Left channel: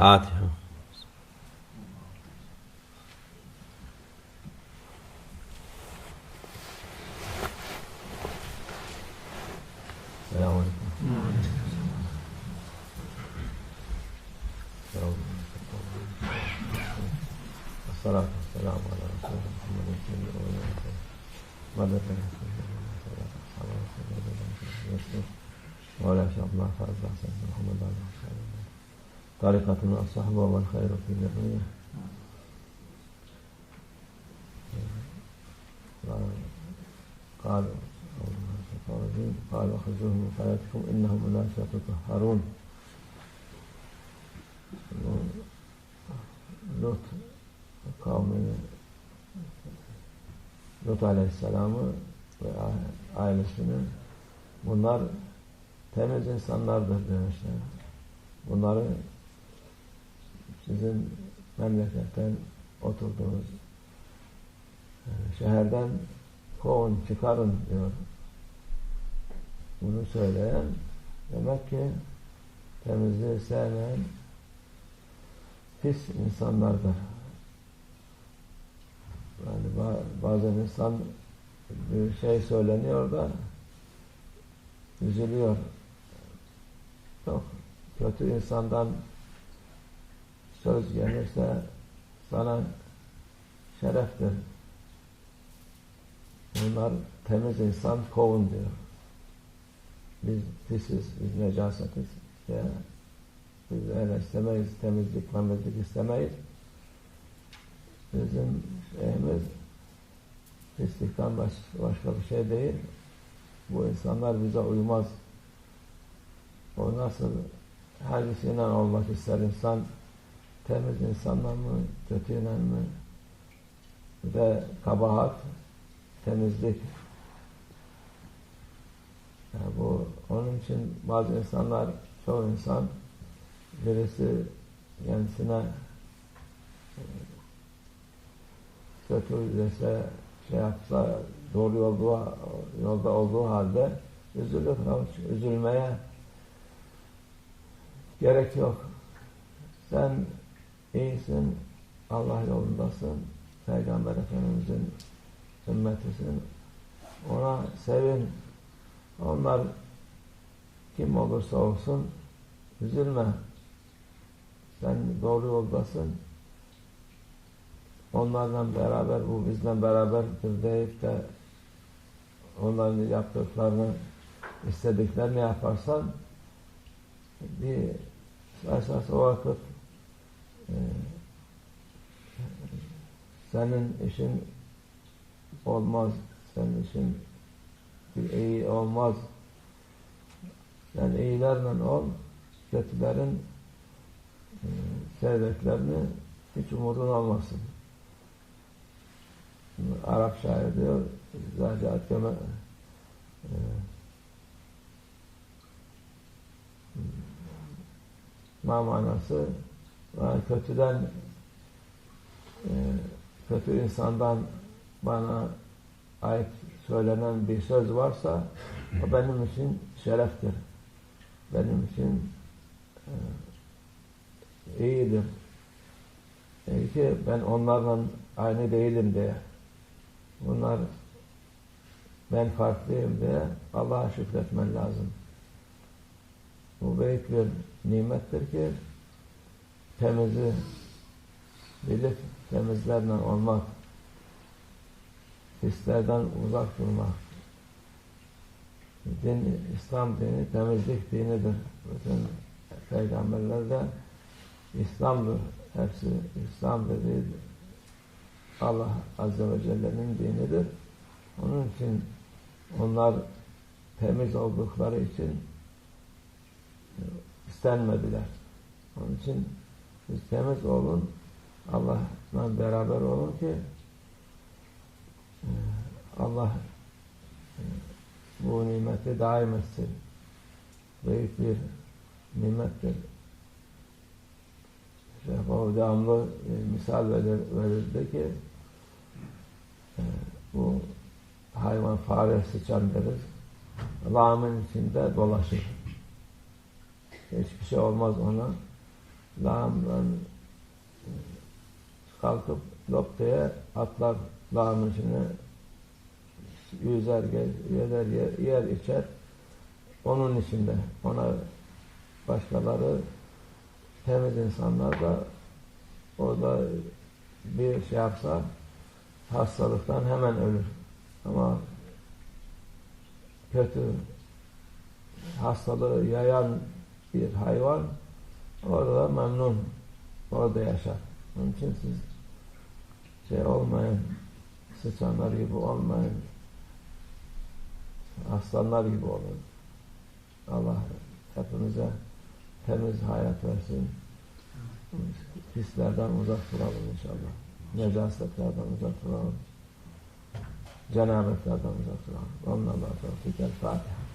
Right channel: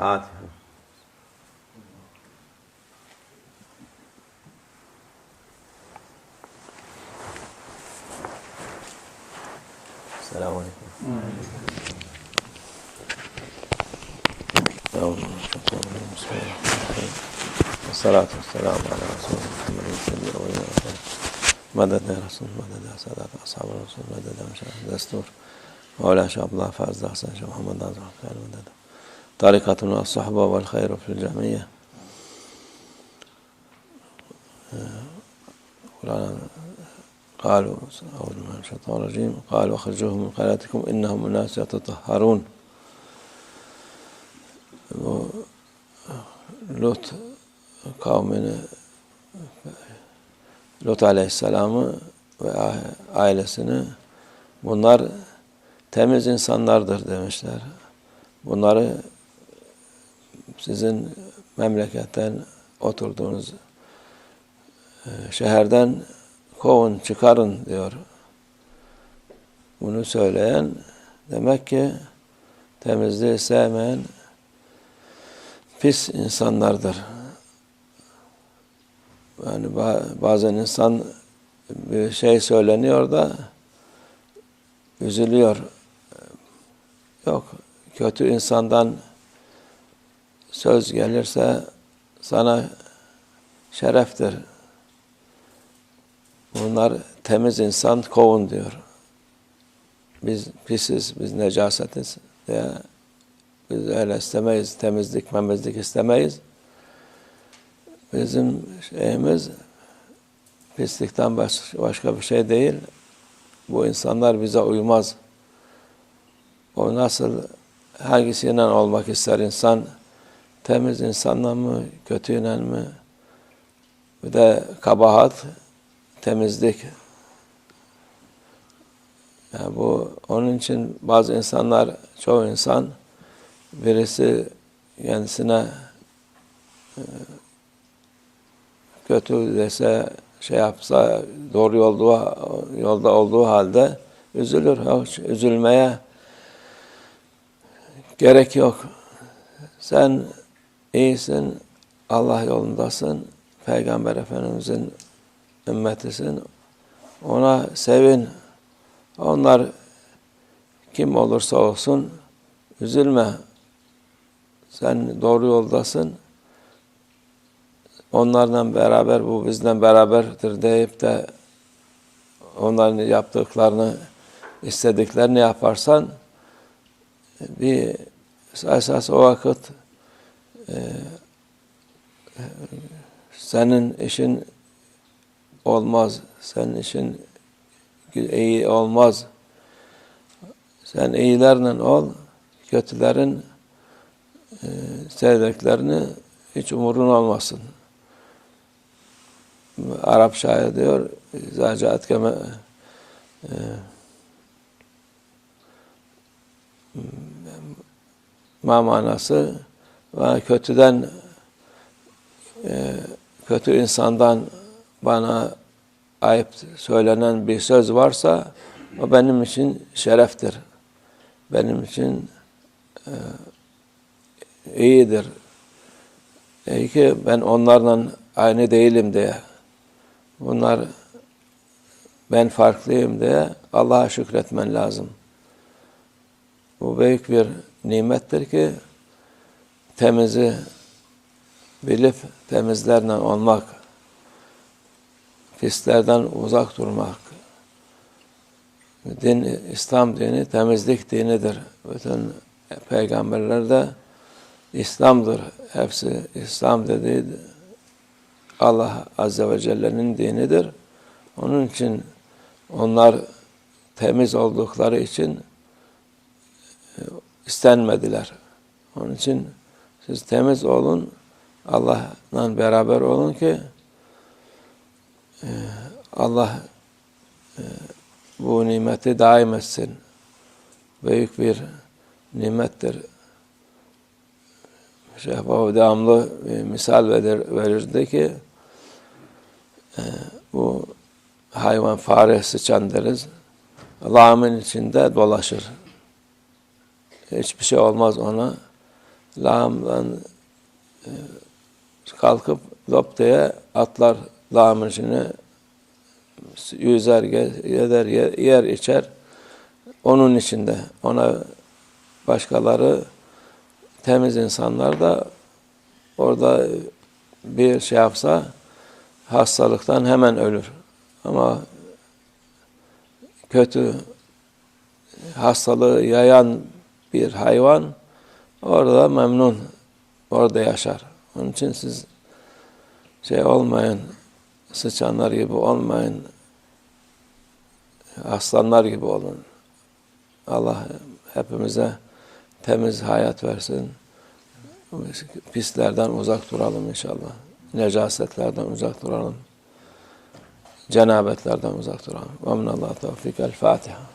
Fatiha. Selamun Aleyküm. Salatu selamu ala Resulü Muhammed'in sebebi ve yine Medet ya Resul, medet ya Sadat, ashab-ı Resul, medet ya Şerif Destur, Mevla Şabla, Ferz Dahsen, Şah Muhammed Medet عبد الرحمن مدد طريقتنا الصحبة والخير في الجمعية قرآن قالوا أعوذ بالله من الشيطان الرجيم قالوا أخرجوهم من قريتكم إنهم أناس يتطهرون Lut kavmini Lut Aleyhisselam'ı ve ailesini bunlar temiz insanlardır demişler. Bunları sizin memleketten oturduğunuz e, şehirden kovun, çıkarın diyor. Bunu söyleyen demek ki temizliği sevmeyen pis insanlardır. Yani bazen insan bir şey söyleniyor da üzülüyor. Yok, kötü insandan söz gelirse sana şereftir. Bunlar temiz insan kovun diyor. Biz pisiz, biz necasetiz diye biz öyle istemeyiz. Temizlik, memizlik istemeyiz. Bizim şeyimiz pislikten başka bir şey değil. Bu insanlar bize uymaz. O nasıl hangisiyle olmak ister insan? Temiz insanla mı, kötüyle mi? Bir de kabahat, temizlik. Yani bu onun için bazı insanlar, çoğu insan birisi kendisine e, kötü dese şey yapsa doğru yolda, yolda olduğu halde üzülür. Hiç üzülmeye gerek yok. Sen iyisin, Allah yolundasın, Peygamber Efendimizin ümmetisin. Ona sevin. Onlar kim olursa olsun üzülme. Sen doğru yoldasın. Onlarla beraber, bu bizden beraberdir deyip de onların yaptıklarını, istediklerini yaparsan bir esas o vakit senin işin olmaz. Senin işin iyi olmaz. Sen iyilerle ol, kötülerin e, sevdiklerini hiç umurun olmasın. Arap şair diyor, zacaat keme e, ma manası ve kötüden e, kötü insandan bana ayıp söylenen bir söz varsa o benim için şereftir. Benim için e, iyidir. E ki ben onlarla aynı değilim diye. Bunlar ben farklıyım diye Allah'a şükretmen lazım. Bu büyük bir nimettir ki temizi bilip temizlerle olmak, pislerden uzak durmak. Din, İslam dini temizlik dinidir. Bütün peygamberler de İslam'dır. Hepsi İslam dediği Allah Azze ve Celle'nin dinidir. Onun için onlar temiz oldukları için e, istenmediler. Onun için siz temiz olun, Allah'la beraber olun ki e, Allah e, bu nimeti daim etsin. Büyük bir nimettir. Şeyh Baba devamlı bir misal verir, verirdi ki e, bu hayvan fare sıçan deriz. Lağımın içinde dolaşır. Hiçbir şey olmaz ona. Lağımdan e, kalkıp loptaya atlar lağımın içine yüzer, yer, yer içer. Onun içinde ona başkaları temiz insanlar da orada bir şey yapsa hastalıktan hemen ölür. Ama kötü hastalığı yayan bir hayvan orada memnun, orada yaşar. Onun için siz şey olmayın, sıçanlar gibi olmayın, aslanlar gibi olun. Allah hepimize temiz hayat versin. Pislerden uzak duralım inşallah. Necasetlerden uzak duralım. Cenabetlerden uzak duralım. Ve minallah tevfik. El Fatiha.